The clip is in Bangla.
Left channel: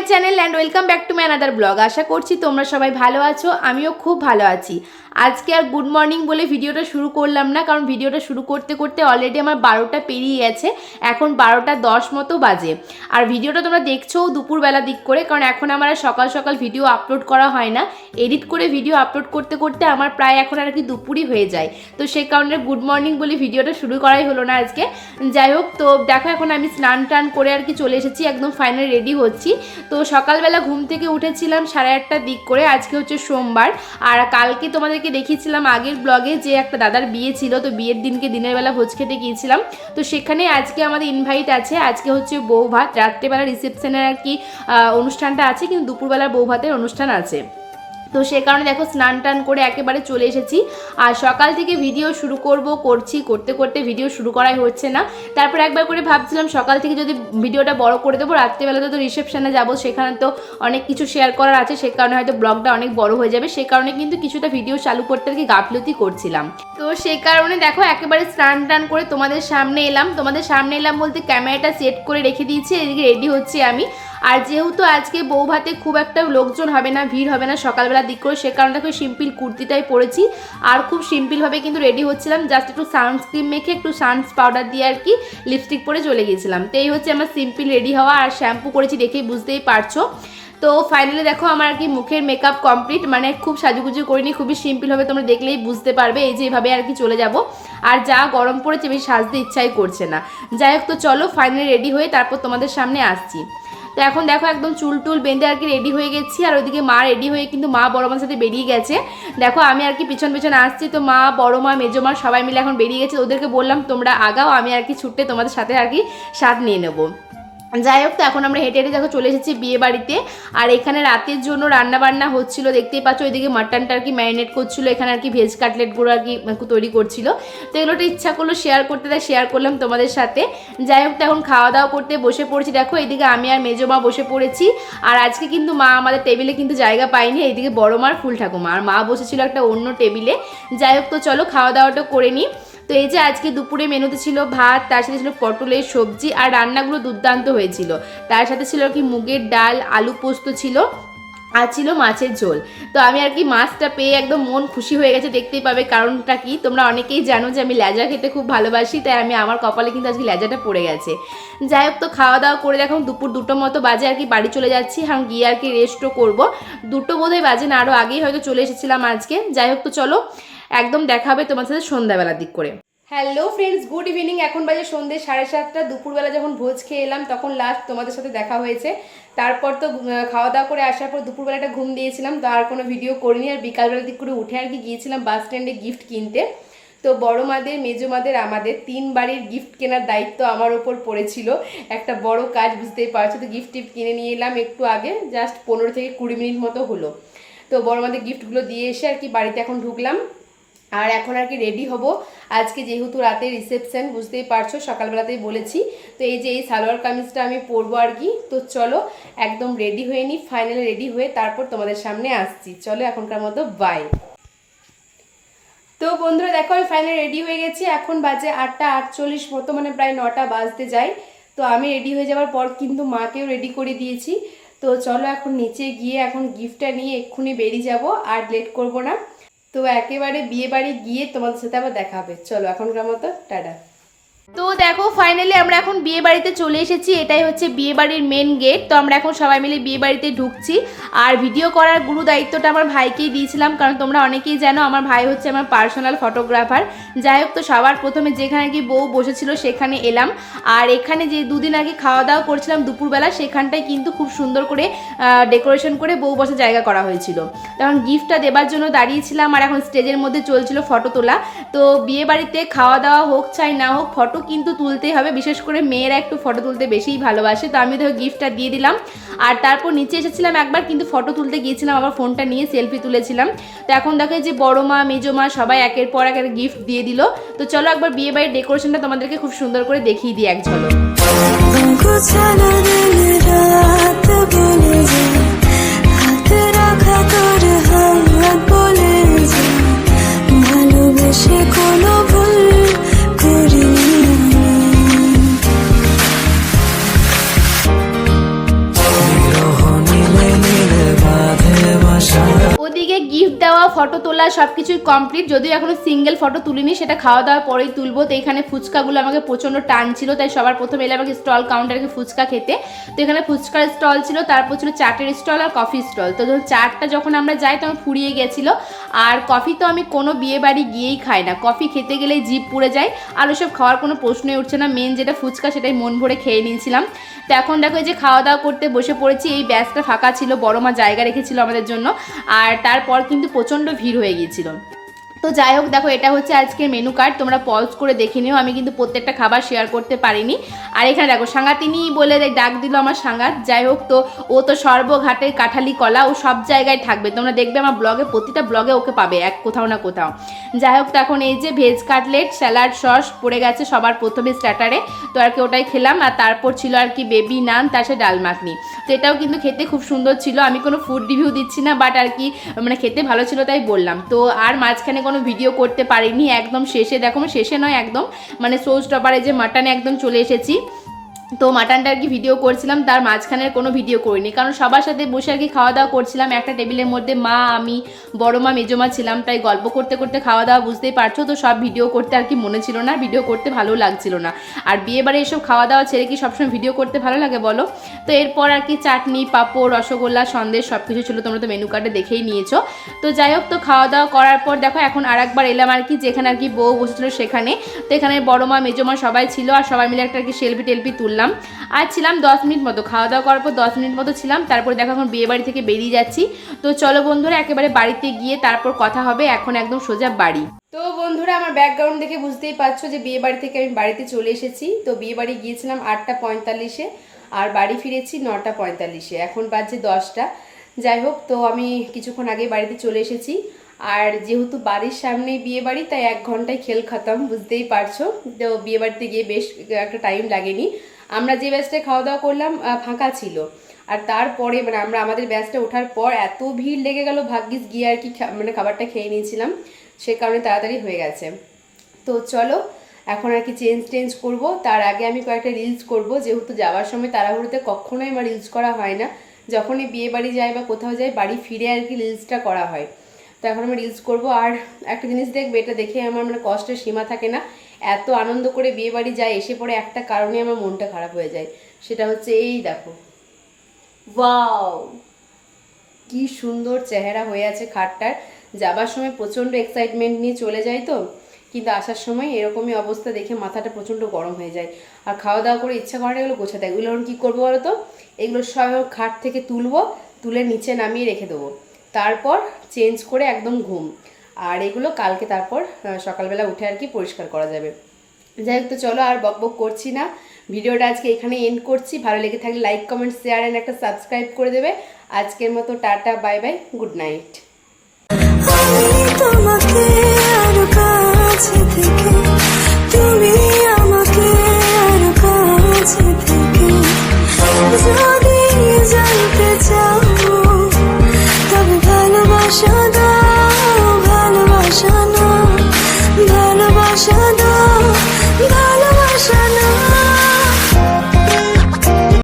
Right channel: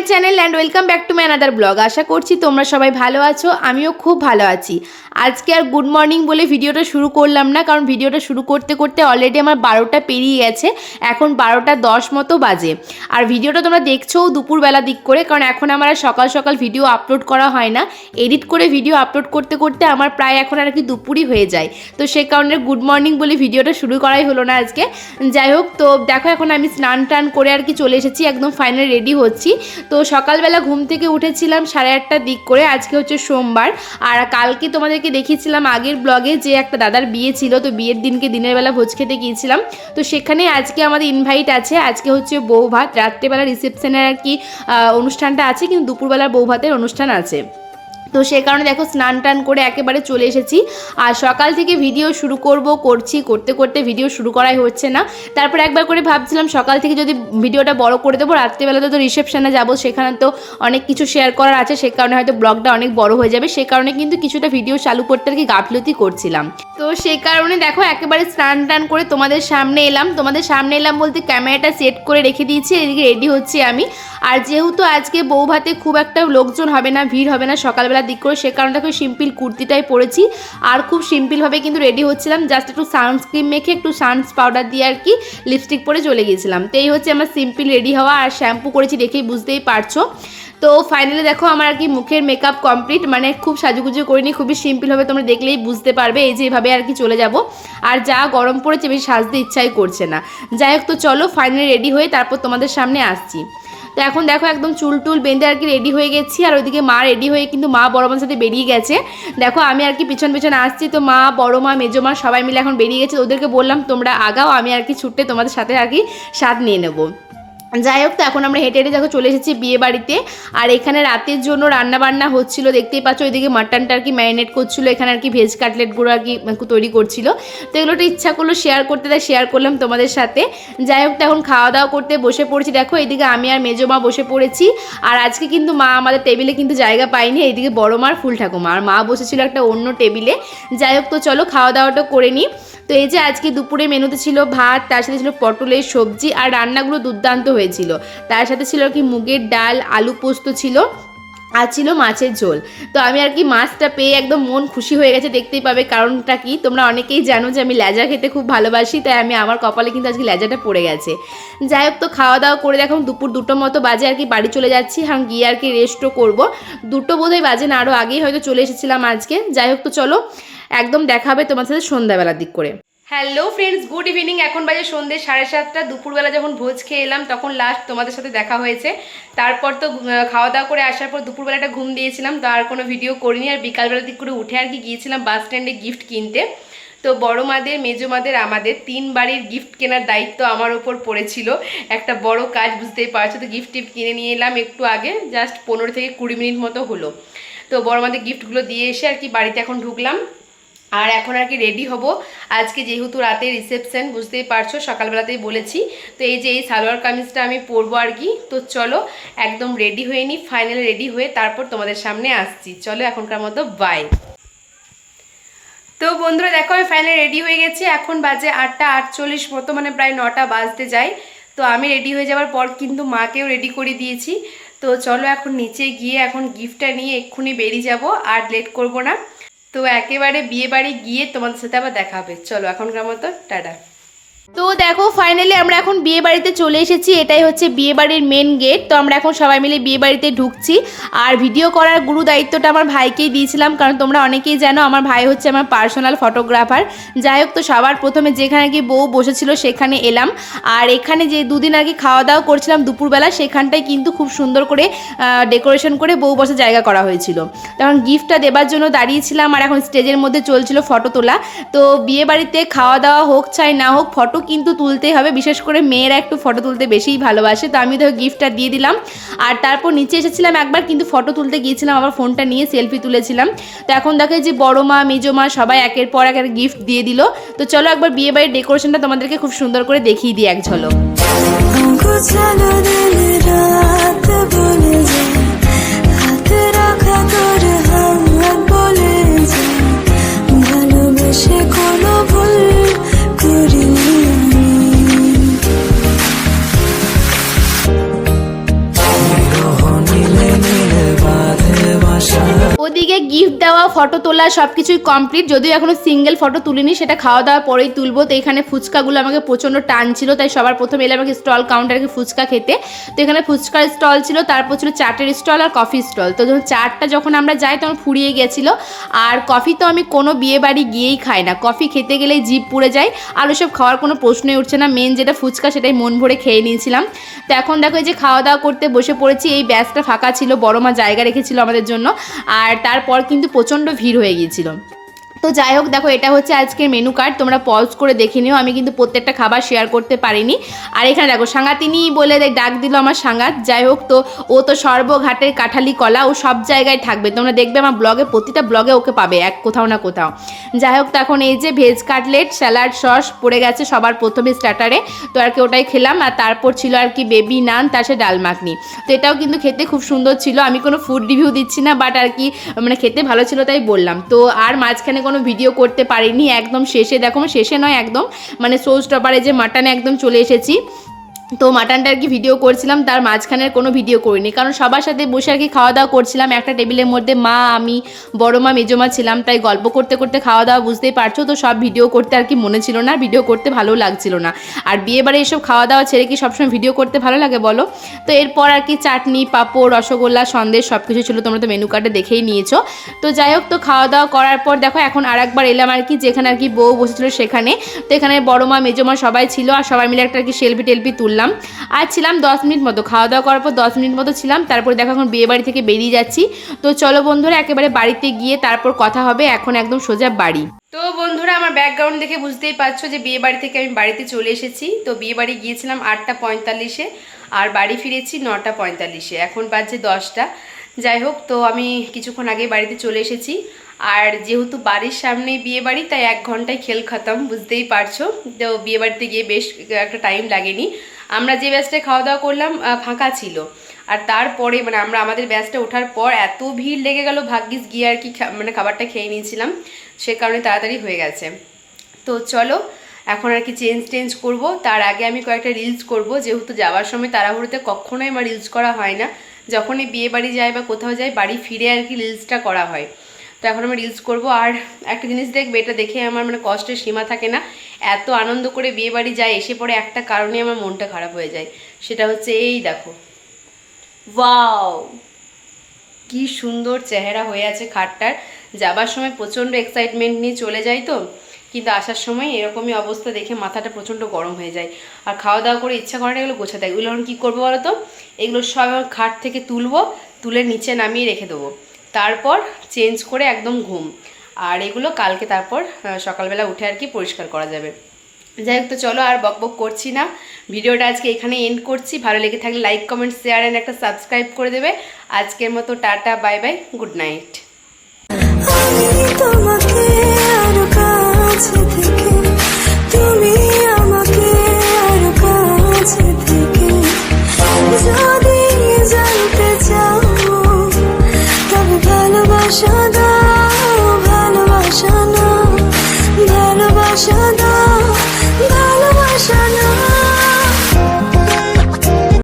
My channel and welcome back to my another blog. আশা করছি তোমরা সবাই ভালো আছো, আমিও খুব ভালো আছি। আজকে আর গুড মর্নিং বলে ভিডিওটা শুরু করলাম না, কারণ ভিডিওটা শুরু করতে করতে অলরেডি আমার 12টা পেরিয়ে গেছে। এখন 12টা 10 মতো বাজে। আর ভিডিওটা তোমরা দেখছো দুপুরবেলা দিক করে, কারণ এখন আমার আর সকাল সকাল ভিডিও আপলোড করা হয় না। এডিট করে ভিডিও আপলোড করতে করতে আমার প্রায় এখন আর কি দুপুরই হয়ে যায়। তো সেই কারণে গুড মর্নিং বলে ভিডিওটা শুরু করাই হলো না আজকে। যাই হোক, তো দেখো এখন আমি স্নান টান করে আর কি চলে এসেছি, একদম ফাইনাল রেডি হচ্ছি। তো সকালবেলা ঘুম থেকে উঠেছিলাম 8:30টার দিক করে। আজকে হচ্ছে সোমবার। আর কালকে তোমাদেরকে দেখিয়েছিলাম আগের ব্লগে যে একটা দাদার বিয়ে ছিল, তো বিয়ের দিনকে দিনের বেলা ভোজ খেতে গিয়েছিলাম। তো সেখানে আজকে আমাদের ইনভাইট আছে। আজকে হচ্ছে বউ ভাত, রাত্রেবেলা রিসেপশনের আর কি অনুষ্ঠানটা আছে, কিন্তু দুপুরবেলার বউ ভাতের অনুষ্ঠান আছে। তো সে কারণে দেখো স্নান টান করে একেবারে চলে এসেছি। আর সকাল থেকে ভিডিও শুরু করতে করতে ভিডিও শুরু করাই হচ্ছে না। তারপর একবার করে ভাবছিলাম সকাল থেকে যদি ভিডিওটা বড় করে দেবো, রাত্রিবেলাতে তো রিসেপশনে যাবো, সেখানে তো অনেক কিছু শেয়ার করার আছে, সে কারণে হয়তো ব্লগটা অনেক বড় হয়ে যাবে। সে কারণে কিন্তু কিছুটা ভিডিও চালু করতে আর কি গাফলতি করছিলাম। তো সেই কারণে দেখো একেবারে স্নান টান করে তোমাদের সামনে এলাম বলতে ক্যামেরাটা সেট করে রেখে দিয়েছি, এদিকে রেডি হচ্ছি আমি। আর যেহেতু আজকে বউ ভাতে খুব একটা লোকজন হবে না, ভিড় হবে না সকালবেলা দিক করে, সে কারণে খুব সিম্পল কুর্তিটাই পরেছি। আর খুব সিম্পলভাবে কিন্তু রেডি হচ্ছিলাম, জাস্ট একটু সানস্ক্রিন মেখে একটু সানস পাউডার দিয়ে আর কি লিপস্টিক পরে চলে গিয়েছিলাম। তো এই হচ্ছে আমার সিম্পল রেডি হওয়া। আর শ্যাম্পু করেছি দেখেই বুঝতেই পারছো। তো ফাইনালি দেখো আমার আর কি মুখের মেকআপ কমপ্লিট, মানে খুব সাজুগুজু করিনি, খুবই সিম্পলভাবে তোমরা দেখলেই বুঝতে পারবে। এই যে এভাবে আর কি চলে যাব। আর যা গরম পড়েছে বেশি সাজতে ইচ্ছাই করছে না। যাই হোক, তো চলো ফাইনালি রেডি হয়ে তারপর তোমাদের সামনে আসছি। তো এখন দেখো একদম চুল টুল বেঁধে আর কি রেডি হয়ে গেছি। আর ওইদিকে মা রেডি হয়ে কিন্তু মা বড় মার সাথে বেরিয়ে গেছে। দেখো আমি আর কি পিছন পিছন আসছি, তো মা বড় মা মেজো মা সবাই মিলে এখন বেরিয়ে গেছে। ওদেরকে বললাম তোমরা আগাও, আমি আর কি ছুটে তোমাদের সাথে আর কি স্বাদ নিয়ে নেবো। যাই হোক, তো এখন আমরা হেঁটে হেঁটে দেখো চলে এসেছি বিয়ে বাড়িতে। আর এখানে রাতের জন্য রান্না বান্না হচ্ছিল, দেখতেই পাচ্ছ। ওইদিকে মাটনটা আর কি ম্যারিনেট করছিল, এখানে আর কি ভেজ কাটলেটগুলো আর কি তৈরি করছিল। তো এগুলোটা ইচ্ছা করলো শেয়ার করতে, তাই শেয়ার করলাম তোমাদের সাথে। যাই হোক, তো এখন খাওয়া দাওয়া করতে বসে পড়েছি। দেখো এইদিকে আমি আর মেজো মা বসে পড়েছি। আর আজকে কিন্তু মা আমাদের টেবিলে কিন্তু জায়গা পায়নি, এইদিকে বড় মার ফুল ঠাকুমা, আর মা বসেছিল একটা অন্য টেবিলে। যাই হোক, তো চলো খাওয়া দাওয়াটা করে নিই। তো এই যে আজকে দুপুরে মেনুতে ছিল ভাত, তার সাথে ছিল পটলের সবজি, আর রান্নাগুলো দুর্দান্ত হয়েছিল। তার সাথে ছিল আর কি মুগের ডাল, আলু পোস্ত ছিল, আর ছিল মাছের ঝোল। তো আমি আর কি মাছটা পেয়ে একদম মন খুশি হয়ে গেছে, দেখতেই পাবে কারণটা কি। তোমরা অনেকেই জানো যে আমি লেজা খেতে খুব ভালোবাসি, তাই আমার কপালে কিন্তু আজকে লেজাটা পড়ে গেছে। যাই হোক, তো খাওয়া দাওয়া করে দেখো দুপুর 2টো মতো বাজে আর কি বাড়ি চলে যাচ্ছি। হ্যাঁ, গিয়ে আর কি রেস্টও করবো। 2টো বোধহয় বাজে না, আরও আগেই হয়তো চলে এসেছিলাম আজকে। যাই হোক, তো চলো একদম দেখা হবে তোমার সাথে সন্ধ্যাবেলার দিক করে। Hello friends, good evening. এখন বাজে সন্ধ্যে 7:30। দুপুরবেলা যখন ভোজ খেয়ে এলাম তখন লাস্ট তোমাদের সাথে দেখা হয়েছে। তারপর তো খাওয়া দাওয়া করে আসার পর দুপুরবেলাটা ঘুম দিয়েছিলাম, তো আর কোনো ভিডিও করিনি। আর বিকালবেলা দিক করে উঠে আর কি গিয়েছিলাম বাস স্ট্যান্ডে গিফট কিনতে। তো বড় মাদের, মেজো মাদের, আমাদের 3 বাড়ির গিফট কেনার দায়িত্ব আমার ওপর পড়েছিল। একটা বড় কাজ, বুঝতেই পারছো। তো গিফট টিফট কিনে নিয়ে এলাম একটু আগে, জাস্ট 15 থেকে 20 মিনিট মতো হলো। তো বড় মাদের গিফটগুলো দিয়ে এসে আর কি বাড়িতে এখন ঢুকলাম। আর এখন আর কি রেডি হব। আজকে যেহেতু রাতে রিসেপশন, বুঝতেই পারছো, সকালবেলাতেই বলেছি। তো এই যে এই সালোয়ার কামিজটা আমি পরবো আর কি। তো চলো একদম রেডি হয়ে নিই, ফাইনালি রেডি হয়ে তারপর তোমাদের সামনে আসছি। চলো এখনকার মতো বাই। তো বন্ধুরা দেখো আমি ফাইনালি রেডি হয়ে গেছি। এখন বাজে 8:48 মতো, মানে প্রায় 9টা বাজতে যায়। তো আমি রেডি হয়ে যাওয়ার পর কিন্তু মাকেও রেডি করে দিয়েছি। তো চলো এখন নিচে গিয়ে এখন গিফটটা নিয়ে এক্ষুনি বেরিয়ে যাব, আর লেট করব না। তো একেবারে বিয়ে বাড়ি গিয়ে তোমাদের সাথে আবার দেখা হবে। চলো এখনকার মতো টাটা। তো দেখো ফাইনালি আমরা এখন বিয়ে বাড়িতে চলে এসেছি। এটাই হচ্ছে বিয়ে বাড়ির মেন গেট। তো আমরা এখন সবাই মিলে বিয়ে বাড়িতে ঢুকছি। আর ভিডিও করার গুরু দায়িত্বটা আমার ভাইকেই দিয়েছিলাম, কারণ তোমরা অনেকেই জানো আমার ভাই হচ্ছে আমার পার্সোনাল ফটোগ্রাফার। যাই হোক, তো সবার প্রথমে যেখানে কি বউ বসেছিল সেখানে এলাম। আর এখানে যে দুদিন আগে খাওয়া দাওয়া করছিলাম দুপুরবেলা, সেখানটায় কিন্তু খুব সুন্দর করে ডেকোরেশন করে বউ বসার জায়গা করা হয়েছিল। তখন গিফটটা দেবার জন্য দাঁড়িয়েছিলাম। আর এখন স্টেজের মধ্যে চলছিল ফটো তোলা। তো বিয়ে বাড়িতে খাওয়া দাওয়া হোক চাই না হোক, ফটো কিন্তু তুলতেই হবে। বিশেষ করে মেয়েরা একটু ফটো তুলতে বেশিই ভালোবাসে। তো আমি ধরো গিফটটা দিয়ে দিলাম। আর তারপর নিচে এসেছিলাম একবার, কিন্তু ফটো তুলতে গিয়েছিলাম, আবার ফোনটা নিয়ে সেলফি তুলেছিলাম। তো এখন দেখো যে বড় মা মেজো মা সবাই একের পর এক গিফট দিয়ে দিল। তো চলো একবার বিয়ে বাড়ির ডেকোরেশনটা তোমাদেরকে খুব সুন্দর করে দেখিয়ে দিই এক ঝলক। ভালোবেসে কোনো ভুল করিনি। নিরহ তোলা সব কিছুই কমপ্লিট, যদিও এখনো সিঙ্গেল ফটো তুলিনি, সেটা খাওয়া দাওয়ার পরেই তুলবো। তো এখানে ফুচকাগুলো আমাকে প্রচণ্ড টানছিল, তাই সবার প্রথমে এলাম আমাকে স্টল কাউন্টারে ফুচকা খেতে। তো এখানে ফুচকার স্টল ছিল, তারপর ছিল চাটের স্টল আর কফি স্টল। তো যখন চাটটা যখন আমরা যাই তখন ফুরিয়ে গেছিলো। আর কফি তো আমি কোনো বিয়ে বাড়ি গিয়েই খাই না, কফি খেতে গেলেই জিভ পুড়ে যায়, আর ওসব খাওয়ার কোনো প্রশ্নই উঠছে না। মেন যেটা ফুচকা সেটাই মন ভরে খেয়ে নিয়েছিলাম। তো এখন দেখো যে খাওয়া দাওয়া করতে বসে পড়েছি। এই ব্যাচটা ফাঁকা ছিল, বড় মা জায়গা রেখেছিল আমাদের জন্য, আর তারপর কিন্তু প্রচণ্ড ভিড় হয়ে গিয়েছিল। তো যাই হোক, দেখো এটা হচ্ছে আজকের মেনু কার্ড, তোমরা পজ করে দেখে নিও, আমি কিন্তু প্রত্যেকটা খাবার শেয়ার করতে পারিনি। আর এখানে দেখো সাঙ্গাতিনি বলে ডাক দিল আমার সাঙ্গাত। যাই হোক, তো ও তো সর্বঘাটের কাঠালি কলা, ও সব জায়গায় থাকবে, তোমরা দেখবে আমার ব্লগে, প্রতিটা ব্লগে ওকে পাবে এক কোথাও না কোথাও। যাই হোক, তো এখন এই যে ভেজ কাটলেট স্যালাড সস পড়ে গেছে সবার প্রথমে স্টার্টারে, তো আর কি ওটাই খেলাম। আর তারপর ছিল আর কি বেবি নান, তার সাথে ডাল মাখনি। তো এটাও কিন্তু খেতে খুব সুন্দর ছিল। আমি কোনো ফুড রিভিউ দিচ্ছি না, বাট আর কি মানে খেতে ভালো ছিল তাই বললাম। তো আর মাঝখানে কোনো ভিডিও করতে পারিনি, একদম শেষে দেখো, শেষে নয় একদম মানে সোজ টপারে যে মাটনে একদম চলে এসেছি। তো মাটনটা আর কি ভিডিও করছিলাম, তার মাঝখানের কোনো ভিডিও করিনি, কারণ সবার সাথে বসে আর কি খাওয়া দাওয়া করছিলাম একটা টেবিলের মধ্যে, মা আমি বড় মা মেজো মা ছিলাম, তাই গল্প করতে করতে খাওয়া দাওয়া, বুঝতেই পারছো। তো সব ভিডিও করতে আর কি মনে ছিল না, ভিডিও করতে ভালো লাগছিল না। আর বিয়েবারে এসব খাওয়া দাওয়া ছেড়ে কি সবসময় ভিডিও করতে ভালো লাগে বলো? তো এরপর আর কি চাটনি পাঁপড় রসগোল্লা সন্দেশ সব কিছু ছিল, তোমরা তো মেনু কার্ডে দেখেই নিয়েছো। তো যাই হোক, তো খাওয়া দাওয়া করার পর দেখো এখন আরেকবার এলাম আর কি যেখানে আর কি বউ বসেছিল সেখানে। তো এখানে বড় মা মেজো মা সবাই ছিল, আর সবাই মিলে একটা আর কি সেলফি টেলফি তুললাম। আর ছিলাম 10 মিনিট মতো, খাওয়া দাওয়া করার পর 10 মিনিট মতো ছিলাম। তারপরে দেখো এখন বিয়ে বাড়ি থেকে বেরিয়ে যাচ্ছি। তো চলো বন্ধুরা, একেবারে বাড়িতে গিয়ে তারপর কথা হবে, এখন একদম সোজা বাড়ি। তো বন্ধুরা, আমার ব্যাকগ্রাউন্ড দেখে বুঝতেই পারছো যে বিয়ে বাড়ি থেকে আমি বাড়িতে চলে এসেছি। তো বিয়ে বাড়ি গিয়েছিলাম 8:45-এ, আর বাড়ি ফিরেছি 9:45-এ, এখন বাজে 10টা। যাই হোক, তো আমি কিছুক্ষণ আগে বাড়িতে চলে এসেছি। আর যেহেতু বাড়ির সামনেই বিয়ে বাড়ি, তাই 1 ঘন্টায় খেল খতম, বুঝতেই পারছো। তো বিয়ে বাড়িতে গিয়ে বেশ একটা টাইম লাগেনি। আমরা যে ব্যাচটায় খাওয়া দাওয়া করলাম ফাঁকা ছিল, আর তারপরে মানে আমাদের ব্যাচটা ওঠার পর এত ভিড় লেগে গেল, ভাগ্যিস গিয়ে আর কি মানে খাবারটা খেয়ে নিয়েছিলাম, সে কারণে তাড়াতাড়ি হয়ে গেছে। তো চলো এখন আর কি চেঞ্জ করব, তার আগে আমি কয়েকটা রিলস করব, যেহেতু যাওয়ার সময় তাড়াহুড়োতে কখনোই আমার রিলস করা হয় না, যখনই বিয়ে বাড়ি যায় বা কোথাও যাই বাড়ি ফিরে আর কি রিলসটা করা হয়। তো এখন আমি রিলস করব। আর একটা জিনিস দেখবে, এটা দেখে আমার মানে কষ্টের সীমা থাকে না, এত আনন্দ করে বিয়ে বাড়ি যায়, এসে পরে একটা কারণে আমার মনটা খারাপ হয়ে যায়, সেটা হচ্ছে এই দেখো, ওয়াও কি সুন্দর চেহারা হয়ে আছে খাটটার। যাবার সময় প্রচণ্ড এক্সাইটমেন্ট নিয়ে চলে যাই, তো কিন্তু আসার সময় এরকমই অবস্থা দেখে মাথাটা প্রচণ্ড গরম হয়ে যায়। আর খাওয়া দাওয়া করে ইচ্ছা করে না এগুলো গোছাতে, এগুলো এখন কী করবো বলো তো, এগুলো সব খাট থেকে তুলবো, তুলে নিচে নামিয়ে রেখে দেবো, তারপর চেঞ্জ করে একদম ঘুম। আর এগুলো কালকে তারপর সকালবেলা উঠে আর কি পরিষ্কার করা যাবে। যাই হোক, তো চলো আর বকবক করছি না, ভিডিওটা আজকে এখানে এন্ড করছি। ভালো লেগে থাকলে লাইক কমেন্ট শেয়ার অ্যান্ড একটা সাবস্ক্রাইব করে দেবে। আজকের মতো tata, bye bye, good night.